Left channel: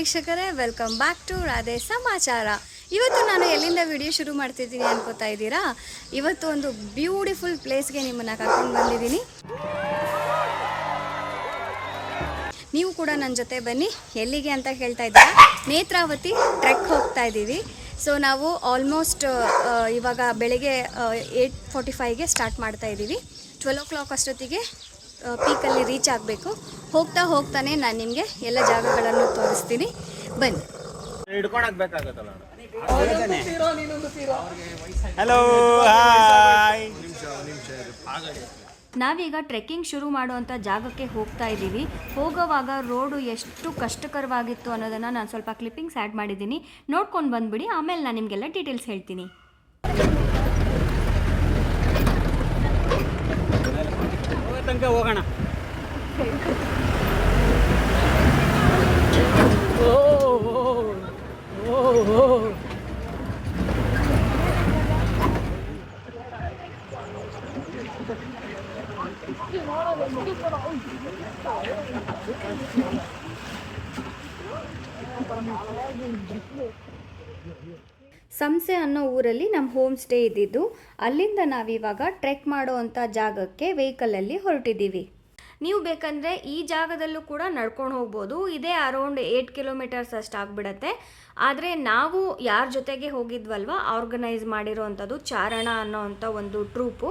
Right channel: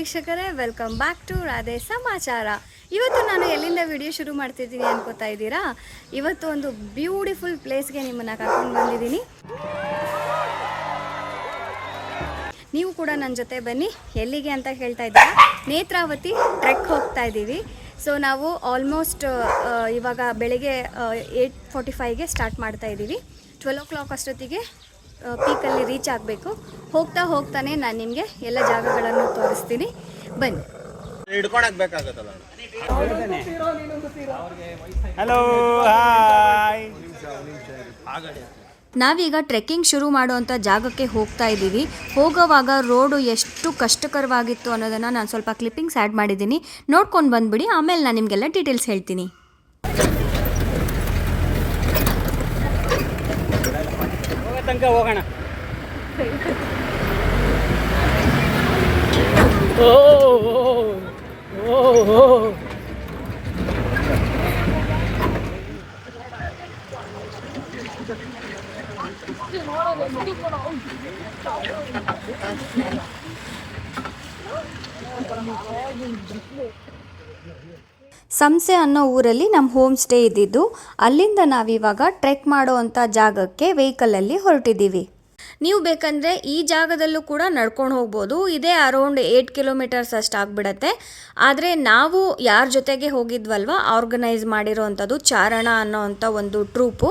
ವೀಕ್ಷಕರೇ, welcome back to Radhe ಸಮಾಚಾರ. ಇವತ್ತು ನಾನು ಎಲ್ಲಿಂದ ವಿಡಿಯೋ ಶುರು ಮಾಡ್ತಿದ್ದೀನಿ ಅನ್ಕೋತಾ ಇದ್ದೀರಾ? ಇವತ್ತು ಒಂದು ಬ್ಯೂಟಿಫುಲ್ ಪ್ಲೇಸ್ಗೆ ನಿಮ್ಮನ್ನು ಕರ್ಕೊಂಡು ಬಂದಿದ್ದೀನಿ. ನೀವು ಕೂಡ ನನ್ನ ಜೊತೆ ಬನ್ನಿ. ಎಲ್ಲಿಗೆ ಅಂತ ಹೇಳ್ತಾ ಇದ್ದೀರಾ? ನೇತ್ರಾವತಿ ಟ್ರೆಕ್ ಹೋಗ್ತಾ ಇದ್ದೀವಿ. ಸೊ ನಾವು ಆಲ್ಮೋಸ್ಟ್ ಇವಾಗ ಬೆಳಗ್ಗೆ 8:45ಗೆ ಸ್ಟಾರ್ಟ್ ಮಾಡ್ತಾ ಇದ್ದೀವಿ. 12 o'clock ಅಷ್ಟೊತ್ತಿಗೆ ಪೀಕಲ್ಲಿ ರೀಚ್ ಆಗಬೇಕು. ಹೋಗ್ತಾನೆ ನಾನು ನಿಮಗೆ ಎಲ್ಲ ಜಾಗಗಳನ್ನು ತೋರಿಸ್ತೀನಿ, ಬನ್ನಿ. Hello, hi. ನಾವೀಗ ಟ್ರೆಕ್ಕಿಂಗ್ ಶುರು ಮಾಡುವಂಥ ಜಾಗಕ್ಕೆ ಹೋಗ್ತಾ ಇದ್ದೀವಿ. ಹೋಗೋವಾಗ ರೋಡು ಎಷ್ಟು ಕಷ್ಟಕರವಾಗಿತ್ತು ಅನ್ನೋದನ್ನು ನಾನು ಸ್ವಲ್ಪ ಕ್ಲಿಪ್ಪಿಂಗ್ಸ್ ಆ್ಯಡ್ ಮಾಡಿದ್ದೀನಿ, ನೋಡ್ಕೊಂಡು ಬಂದುಬಿಡಿ. ಆಮೇಲೆ ನಾನು ನಿಮಗೆಲ್ಲ ಡೀಟೇಲ್ಸ್ ಹೇಳ್ತೀನಿ. ತನಕ ಹೋಗೋಣ. ಸಂಸೆ ಅನ್ನೋ ಊರಲ್ಲಿ ನಮ್ಮ ಹೋಮ್ ಸ್ಟೇ ಇದ್ದಿದ್ದು. ಅಲ್ಲಿಂದ ನಾವಿವಾಗ ಟ್ರೆಕ್ ಮಾಡುವಂಥ ಜಾಗಕ್ಕೆ ವೆಹಿಕಲಲ್ಲಿ ಹೊರಟಿದ್ದೀವಿ. ನೀವು ಬೇಕಂದರೆ ಈ ಜಾಗದಲ್ಲೂ ಕೂಡ ನಡ್ಕೊಂಡು ಹೋಗ್ಬೋದು. ಇದೇ ಅರೌಂಡ್ 8 kilometers ಅಷ್ಟು ಆಗಿಬಿಡತ್ತೆ. ಆದರೆ ನಾವು ಯಾರ ಜೊತೆಗೆ ಹೋಗಿದ್ವಲ್ವ, ಆರ್ಗನೈಸ್ ಮಾಡಿರೋವಂಥದ್ದು ಚಾರಣ ಅನ್ನೋವಂಥ ಒಂದು ಟ್ರೂಪು.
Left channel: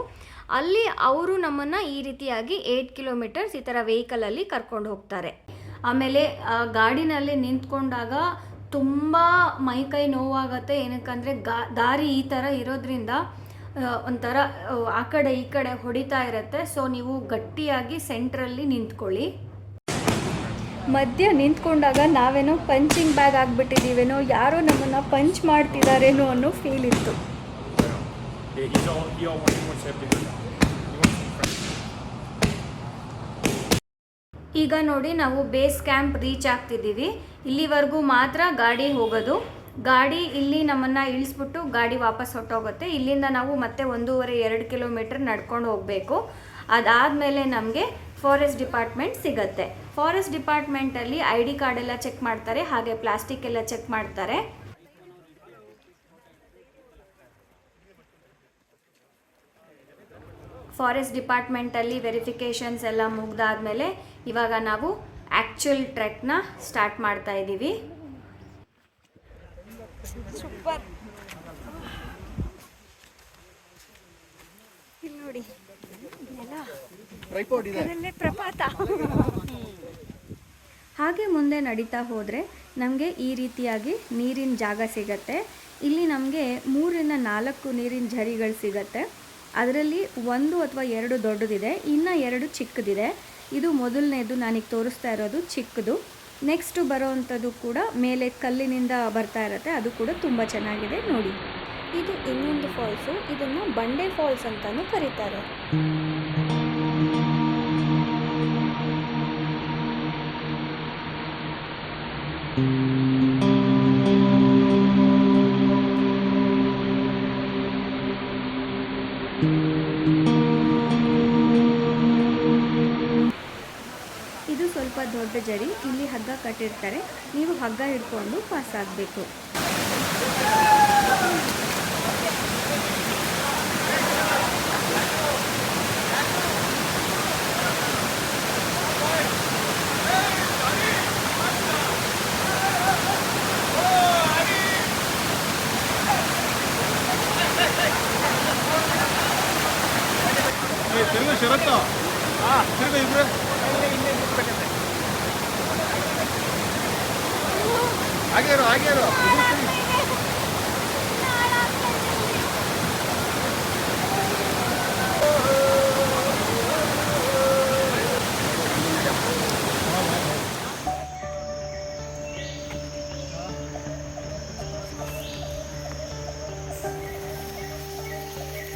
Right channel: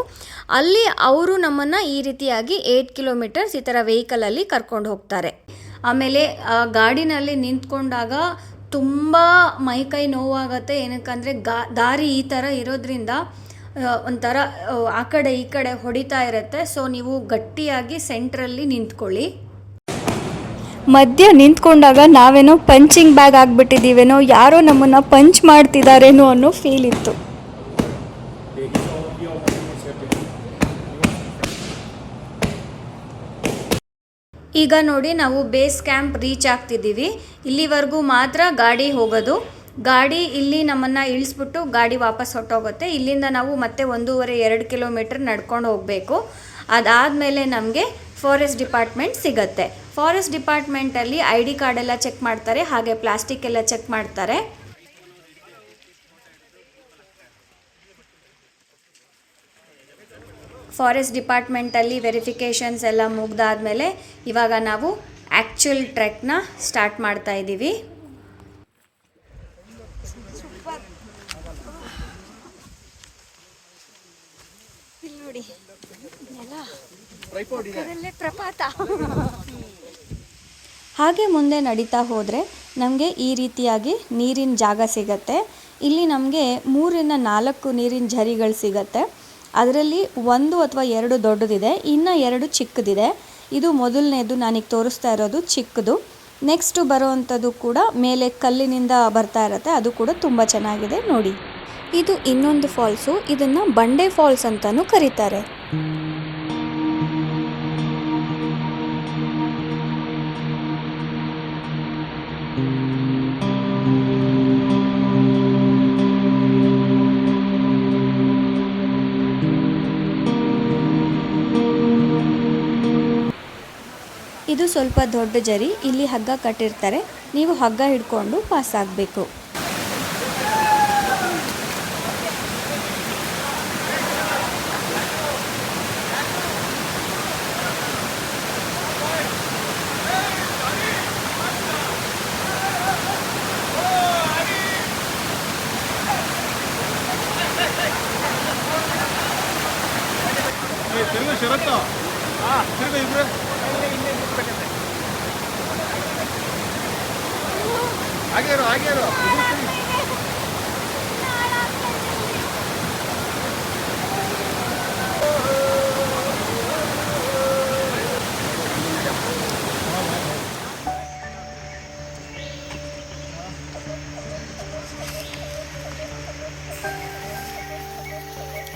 ಅಲ್ಲಿ ಅವರು ನಮ್ಮನ್ನು ಈ ರೀತಿಯಾಗಿ 8 kilometers ಈ ಥರ ವೆಹಿಕಲಲ್ಲಿ ಕರ್ಕೊಂಡು ಹೋಗ್ತಾರೆ. ಆಮೇಲೆ ಗಾಡಿನಲ್ಲಿ ನಿಂತ್ಕೊಂಡಾಗ ತುಂಬ ಮೈಕೈ ನೋವಾಗತ್ತೆ. ಏನಕ್ಕಂದರೆ ದಾರಿ ಈ ಥರ ಇರೋದ್ರಿಂದ ಒಂಥರ ಆ ಕಡೆ ಈ ಕಡೆ ಹೊಡಿತಾ ಇರುತ್ತೆ. ಸೊ ನೀವು ಗಟ್ಟಿಯಾಗಿ ಸೆಂಟ್ರಲ್ಲಿ ನಿಂತ್ಕೊಳ್ಳಿ. ಮಧ್ಯ ನಿಂತ್ಕೊಂಡಾಗ ನಾವೇನೋ ಪಂಚಿಂಗ್ ಬ್ಯಾಗ್ ಆಗಿಬಿಟ್ಟಿದ್ದೀವೇನೋ, ಯಾರೋ ನಮ್ಮನ್ನು ಪಂಚ್ ಮಾಡ್ತಿದ್ದಾರೇನೋ ಅನ್ನೋ ಫೀಲ್ ಇತ್ತು. ಈಗ ನೋಡಿ, ನಾವು ಬೇಸ್ ಕ್ಯಾಂಪ್ ರೀಚ್ ಆಗ್ತಿದ್ದೀವಿ. ಇಲ್ಲಿವರೆಗೂ ಮಾತ್ರ ಗಾಡಿ ಹೋಗೋದು. ಗಾಡಿ ಇಲ್ಲಿ ನಮ್ಮನ್ನು ಇಳಿಸ್ಬಿಟ್ಟು ಗಾಡಿ ವಾಪಸ್ ಹೊಟ್ಟೋಗುತ್ತೆ. ಇಲ್ಲಿಂದ ನಾವು ಮತ್ತೆ 1.5-2 kilometer ನಡ್ಕೊಂಡು ಹೋಗಬೇಕು. ಅದಾದಮೇಲೆ ನಮಗೆ ಫಾರೆಸ್ಟ್ ಡಿಪಾರ್ಟ್ಮೆಂಟ್ ಸಿಗುತ್ತೆ. ಫಾರೆಸ್ಟ್ ಡಿಪಾರ್ಟ್ಮೆಂಟಲ್ಲಿ ID ಕಾರ್ಡ್ ಎಲ್ಲ ಚೆಕ್ ಮಾಡ್ತಾರೆ, ಹಾಗೆ ಪ್ಲಾಸ್ಟಿಕ್ ಎಲ್ಲ ಚೆಕ್ ಮಾಡ್ತಾರೆ. ಫಾರೆಸ್ಟ್ ಡಿಪಾರ್ಟ್ಮೆಂಟಲ್ಲಿ ವೆರಿಫಿಕೇಷನ್ಸ್ ಎಲ್ಲ ಮುಗ್ದಾದ್ಮೇಲೆ ಇವಾಗ ನಾವು ಆ್ಯಕ್ಚುಯಲ್ ಟ್ರೆಕ್ನ ಸ್ಟಾರ್ಟ್ ಮಾಡ್ತಾ ಇದ್ದೀವಿ. ಇಲ್ಲಿ ನೋಡಿ, ಪ್ರಪಾತ. ಹಾಗೆ ಮುಂದೆ ನಡೀತಾ ಹೋದರೆ ನಮಗೆ ಈ ರೀತಿಯಾಗಿ ನೀರಿನ ಜಾಗ ಸಿಗತ್ತೆ. ಇಲ್ಲಿ ನಮಗೆ 3-4 ನೀರಿನ ಝರಿಗಳು ಸಿಗತ್ತೆ. ಅದರಲ್ಲಿ 1 ಅಥವಾ 2 ದೊಡ್ಡದಿದೆ, ಇನ್ನು 2 ಚಿಕ್ಕದಿದೆ. ಇದು ಮೊದಲನೇದು ನಾನೀಗ ತೋರಿಸ್ತಾ ಇರೋದು ಚಿಕ್ಕದು. ನೆಕ್ಸ್ಟು ಬರೋವಂಥದ್ದು ಕೂಡ ಮೇಲೆ ಕಲ್ಲಿನಿಂದ ಬರ್ತಾ ಇರುತ್ತೆ, ಅದು ಕೂಡ ತುಂಬ ಚೆನ್ನಾಗಿದೆ ನೋಡಿ. ಇದು ಇನ್ನೊಂದು ಫಾಲ್ಸು, ಇದನ್ನು ಬಂಡೆ ಫಾಲ್ಸ್ ಅಂತಲೂ ಕರೀತಾರೆ. ಇದು ಸ್ವಲ್ಪ ದೊಡ್ಡ ಜರಿ, ಇಲ್ಲಿ ಹಗ್ಗ ಕಟ್ಟಿರ್ತಾರೆ, ನೀವು ಹಗ್ಗ ಹಿಡ್ಕೊಂಡು ಪಾಸ್ ಆಗಬೇಕು.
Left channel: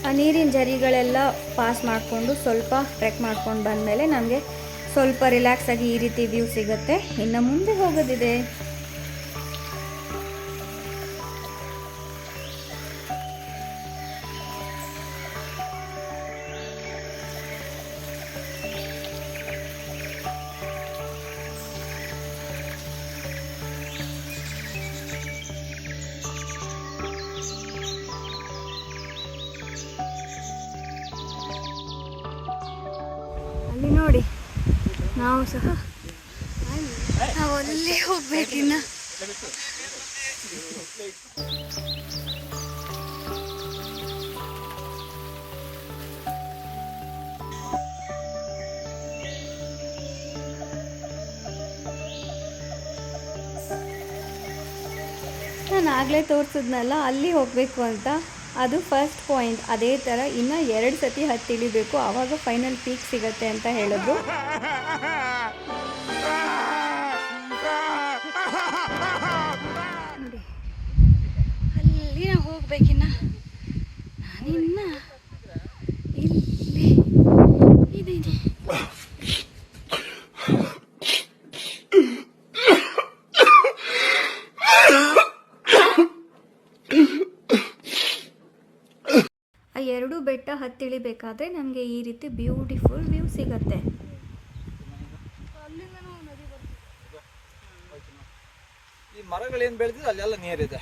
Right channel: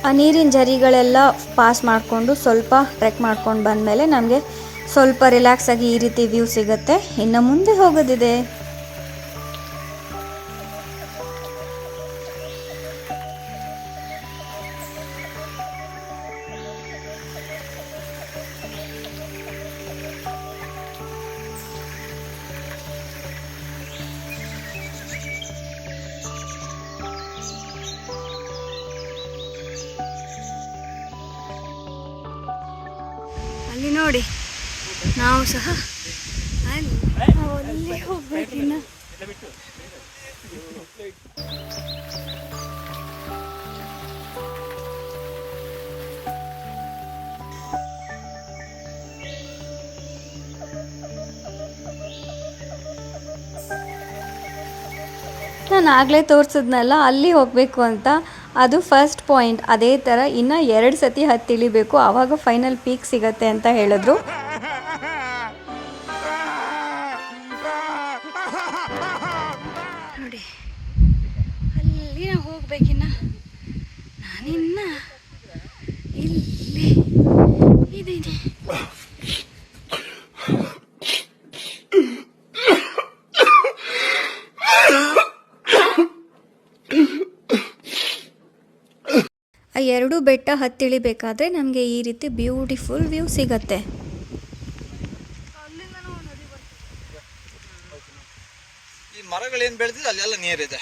ಆ ನೀರಿನ ಝರಿಗಳೆಲ್ಲ ಪಾಸ್ ಮಾಡಿಕೊಂಡು ಸ್ವಲ್ಪ ಟ್ರೆಕ್ ಮಾಡ್ಕೊಂಡು ಬಂದಮೇಲೆ ನಮಗೆ ಸ್ವಲ್ಪ ರಿಲ್ಯಾಕ್ಸ್ ಆಗಿ ಈ ರೀತಿ ವ್ಯೂ ಸಿಗುತ್ತೆ. ಇನ್ನು ಮುಂದೆ ಹೋಗೋದಿದೆ. ಅಲ್ಲಿ ನೋಡಿ ನಾವು ಸಹ ನಾವು ಅಲ್ಲಿ ಹೋಗ್ಬೇಕಿನ್ನ. ನಾನು ಆಗಲೇ ತೋರಿಸಿದ್ನಲ್ಲ ಅಲ್ಲಿ ಹೋಗಬೇಕು ಅಂತ, ಅದು ಫಸ್ಟ್ ಪಾಯಿಂಟ್. ಅದೇ ಥರ ಇನ್ನು 2 ಸತಿ ಹತ್ತಿಳಿಬೇಕು, ಆವಾಗ ಫೈನಲ್ ಪೀಕ್ ಸಿಗತ್ತೆ ಅಂತ ಹೇಳಿದ್ರು. ನೋಡಿ ಅಲ್ಲಿ ನಾವು ಹೋಗ್ಬೇಕಿನ್ನ, ನಾನಿನ್ನ ಇಲ್ಲೇ ಇದ್ದೀನಿ. ಆ 2 ಬೆಟ್ಟ ಹತ್ತಿಳಿಬೇಕಾದ್ರೆ ನಮಗೆ ಈ ರೀತಿ ಬ್ಯೂಟಿಫುಲ್ ವ್ಯೂ ಸಿಗತ್ತೆ. ಈ ಮರಗಳೇನು ಬೆಳೆದಿದೆ ಅಲ್ಲೆಲ್ಲ ನೀರಿದೆ.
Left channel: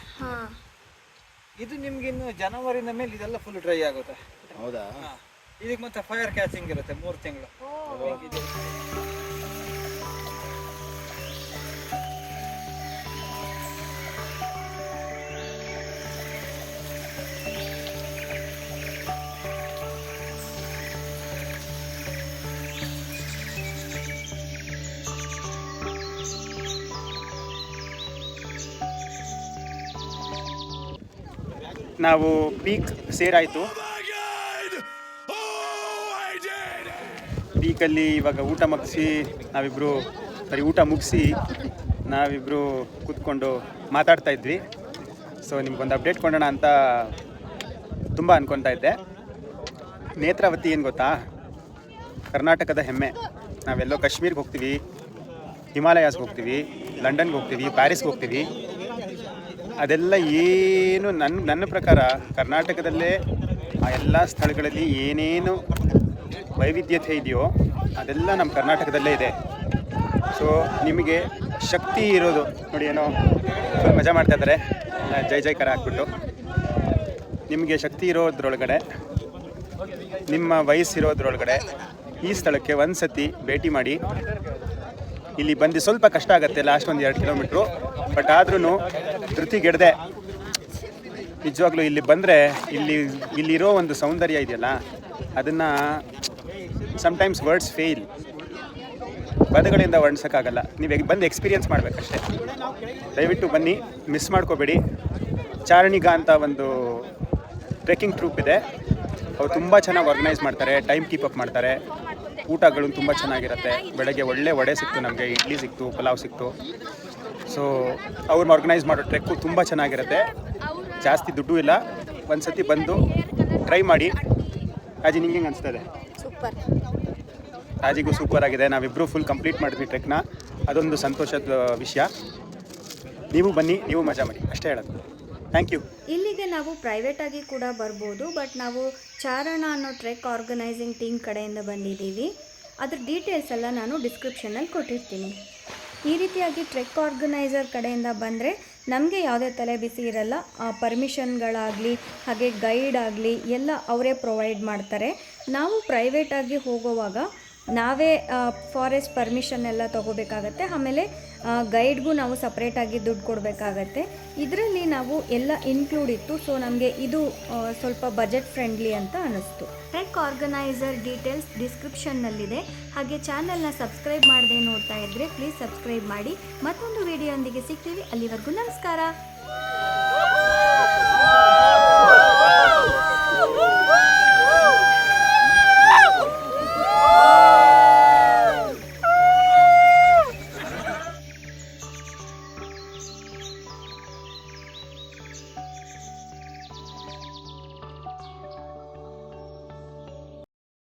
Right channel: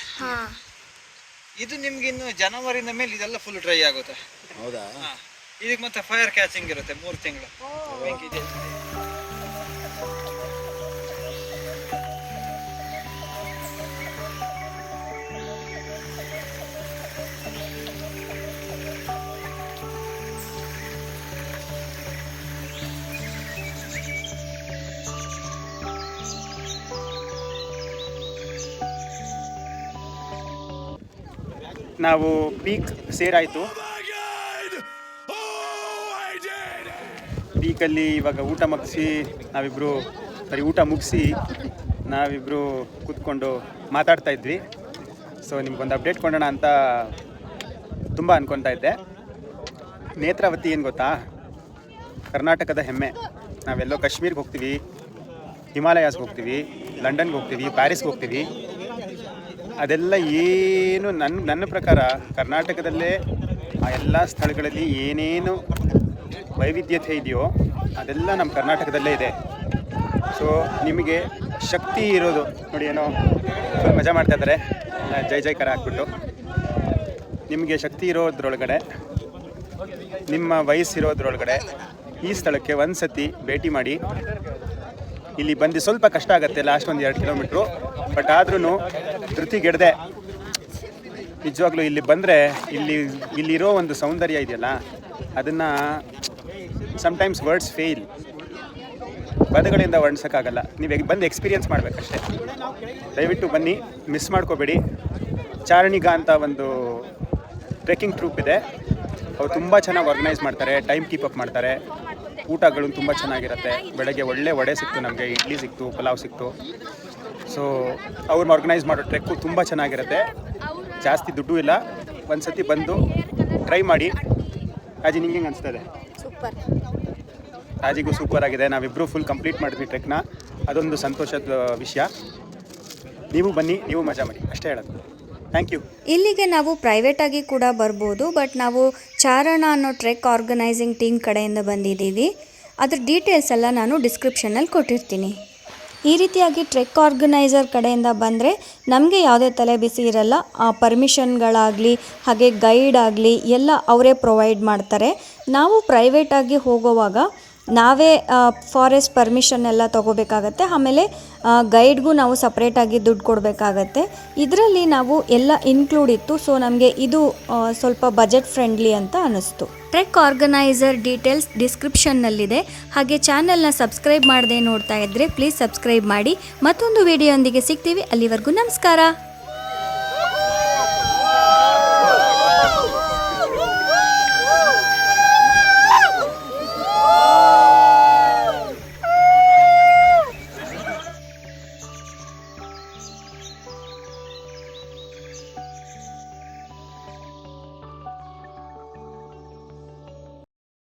ಇದು ನಿಮ್ಗೆ ಇನ್ನು ಜನವರಿನ ಮೇಲೆ ಇದೆಲ್ಲ ಫುಲ್ ಡ್ರೈ ಆಗುತ್ತೆ. ಹೌದಾ? ಇದಕ್ಕೆ ಮತ್ತೆ ಫೈರ್ ಕ್ಯಾಚಿಂಗ್ ಇರುತ್ತೆ 3 ತಿಂಗಳು. ನಾವು ಪೀಕ್ ಸೇರಾಯಿತು. ಪೀಕಲ್ಲಿ ಇವಾಗ ಊಟ ಮುಗಿಸಿ ನಾವಿಬ್ಬರು ಕೂತ್ಕೊಂಡು ಮಾತಾಡ್ತಾ ಇದ್ವಿ. ಸೊ ನಿಮ್ಗೊಂದು ಅಪ್ಡೇಟ್ ಕೊಡೋಣ ಅಂತ ತುಂಬ ಅನ್ಕೊತಾ ಇದ್ದೆ. ನೇತ್ರಾವತಿ ಏನು ಗೊತ್ತಾ, ಕರ್ನಾಟಕದ ಹೆಮ್ಮೆ. ನಾವೆಲ್ಲೋ ಕಾಶ್ಮೀರ್ಗೆ ಹೋಗ್ತೀವಿ, ಹಿಮಾಲಯಾಸ್ಗೆ ಹೋಗ್ತೀವಿ, ಲಂಡನ್ಗೆ ಹೋಗ್ತೀವಿ, ಪ್ಯಾರಿಸ್ಗೆ ಹೋಗ್ತೀವಿ. ಅದೆಲ್ಲ ಏನು ನನ್ನ ಪ್ರಕಾರ ಕರ್ನಾಟಕದಲ್ಲೇ ಆ ಎಲ್ಲ ಸ್ಥಳಗಳಲ್ಲಿ ಏನೇನು ವೈವಿಧ್ಯತೆ ಇದೆಯೋ ಅದೆಲ್ಲ ನಮ್ಮ ಕರ್ನಾಟಕದಲ್ಲೇ ಇದೆ. ಸೊ ನಿಮಗೆ ಶಕ್ತಿ ಇರೋದು ನೋಡಿ, ಏನೋ ಮಜಾ ಮಾಡ್ತಾ ಇದ್ದಾರೆ ಜೈ ಜೈಕಾರ ಹಾಕ್ಬಿಟ್ಟು. ನಿಮಗೆ ಶಕ್ತಿ ಇರೋದ್ರೊಳಗಡೆ, ನಿಮ್ಮ ವಯಸ್ಸಿರೋದ್ರೊಳಗಡೆ ಈ ಸ್ಥಳಕ್ಕೆ ಒಂದು ಸತಿ ಭೇಟಿ ಮಾಡಿ. ಇಲ್ಲಿ ಬಂದು ಸ್ವಲ್ಪ ಕಷ್ಟ ಆಗುತ್ತೆ, ಲಾಸ್ಟ್ 1-2 ಕಿಲೋಮೀಟ್ರು, ಬಟ್ ಆದ್ರೂ ಧೃತಿಗೆಡದೆ ನಿಜವಾಗ್ಲೂ ಇಲ್ಲಿ ಬಂದರೆ ಇಲ್ಲಿರೋ ಒಂದು ಸೌಂದರ್ಯ ಇದೆಯಲ್ಲ, ಅದನ್ನು ಸಮ್ಟೈಮ್ಸ್ ವರ್ಡ್ಸ್ ಫೇಲ್, ಪದಗಳಿಂದ ವರ್ಣಿಸೋಕ್ಕಾಗಲ್ಲ. ನೀವು ಬಂದು ಎಕ್ಸ್ಪೀರಿಯನ್ಸ್ ಮಾಡಬೇಕಷ್ಟೇ. ದಯವಿಟ್ಟು ಬನ್ನಿ, ಮಿಸ್ ಮಾಡ್ಕೋಬೇಡಿ. ಚಾರಣಿಗ ಅಂತ ಒಂದು ಟ್ರೆಕ್ಕಿಂಗ್ ಟ್ರೂಪ್ ಇದೆ, ಅವ್ರು ತುಂಬ ಚೆನ್ನಾಗಿ ಆರ್ಗನೈಸ್ ಮಾಡ್ತಾರೆ, ಟೈಮ್ ಕೀಪ್ ಅಪ್ ಮಾಡ್ತಾರೆ. ಊಟಗಳು ತುಂಬ ಚೆನ್ನಾಗಿರುತ್ತೆ. ಬೆಳಗ್ಗೆ ಒಳ್ಳೆ ವಡೆ ಸಿಕ್ತು, ನಮಗೆ ಇಡ್ಲಿ ಸಿಕ್ತು, ಪಲಾವ್ ಸಿಕ್ತು. ಸೊ ಅವ್ರನ್ನ ಆರ್ಗನೈಸ್ ಮಾಡೋ ಟ್ರೆಕ್ಕು ತುಂಬ ಚೆನ್ನಾಗಿರುತ್ತೆ. ಜಾಸ್ತಿ ದುಡ್ಡು ಇಲ್ಲ. ಒಂದು ಸತಿ ಬಂದು ಟ್ರೈ ಮಾಡಿ. ಅಜಿ ನಿಂಗೆ ಹೆಂಗೆ ಅನಿಸ್ತದೆ? ಸೂಪರ್. ಆಜಿಗೂ ಸೂಪರ್ ಆಗಿದೆ. ನಾವಿಬ್ಬರು ಫುಲ್ ಕಂಪ್ಲೀಟ್ ಮಾಡಿದ್ವಿ ಟ್ರೆಕ್ನ. ಅದೊಂದು ಸಂತೋಷದ ವಿಷಯ. ನೀವು ಬನ್ನಿ, ನೀವು ಮಜಾ ಮಾಡಿ, ಅಷ್ಟೇ ಹೇಳೋದು. Thank you. ಇಲ್ಲಿಗೆ ನಾವು ಪ್ರೈವೇಟಾಗಿ ಕೂಡ ಬರ್ಬೋದು, ಬಟ್ ನಾವು ಚಾರಣ ಅನ್ನೋ ಟ್ರೆಕ್ ಆರ್ಗನೈಸಿಂಗ್ ಟೀಮ್ ಕಡೆಯಿಂದ ಬಂದಿದ್ದೀವಿ. ಅದ್ರ ಡೀಟೇಲ್ಸ್ ಎಲ್ಲ ನಾನು ಡಿಸ್ಕ್ರಿಪ್ಷನಲ್ಲಿ ಕೊಟ್ಟಿರ್ತೀನಿ. ಈ ರೀತಿಯಾಗಿ ಟ್ರೆಕ್ ಆರ್ಗನೈಸರ್ ಕಡೆಯಿಂದ ಬಂದರೆ ನಮಗೆ ಯಾವುದೇ ತಲೆ ಬಿಸಿ ಇರಲ್ಲ. ಪರ್ಮಿಷನ್ಗಳಾಗಲಿ ಹಾಗೆ ಗೈಡ್ ಆಗಲಿ ಎಲ್ಲ ಅವರೇ ಪ್ರೊವೈಡ್ ಮಾಡ್ತಾರೆ. ನಾವು ಪ್ರೈವೇಟಾಗಿ ಹೋಗುವಾಗ ನಾವೇ ಫಾರೆಸ್ಟ್ ಪರ್ಮಿಷನ್ ಎಲ್ಲ ತೊಗೋಬೇಕಾಗತ್ತೆ. ಆಮೇಲೆ ಗೈಡ್ಗೂ ನಾವು ಸಪ್ರೇಟಾಗಿ ದುಡ್ಡು ಕೊಡಬೇಕಾಗತ್ತೆ. ಇದರಲ್ಲಿ ನಾವು ಎಲ್ಲ ಇನ್ಕ್ಲೂಡ್ ಇತ್ತು. ಸೊ ನಮಗೆ ಇದು ಸ್ವಲ್ಪ ಬಜೆಟ್ ಫ್ರೆಂಡ್ಲಿ ಅಂತ ಅನ್ನಿಸ್ತು. ಟ್ರೆಕ್ ಆರ್ಗನೈಸರ್ ಡೀಟೇಲ್ಸ್ ಡಿಸ್ಕ್ರಿಪ್ಷನ್ನಲ್ಲಿದೆ. ಹಾಗೆ ಚಾನಲ್ನ ಸಬ್ಸ್ಕ್ರೈಬ್ ಮಾಡದೆ ನೋಡ್ತಾ ಇದ್ದರೆ ಪ್ಲೀಸ್ ಸಬ್ಸ್ಕ್ರೈಬ್ ಮಾಡಿ. ಮತ್ತೊಂದು ವಿಡಿಯೋ ಒಂದಿಗೆ ಸಿಗ್ತೀವಿ. ಅಲ್ಲಿವರೆಗೂ ನಮಸ್ಕಾರ.